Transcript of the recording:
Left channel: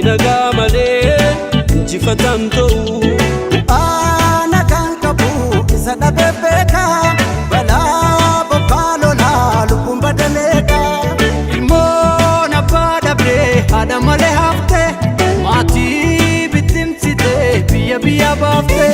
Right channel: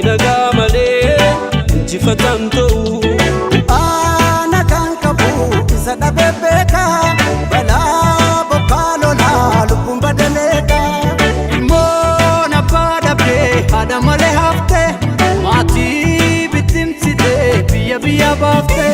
nagaa malee injifatan ta'u. Nagaan qabu isa dhabee beeka balaa bokkaa lolaa lubbuun badameeka. Ilmoon abbaa dhabdee haadha malee hafte maatii bittimsitee biyya baafte.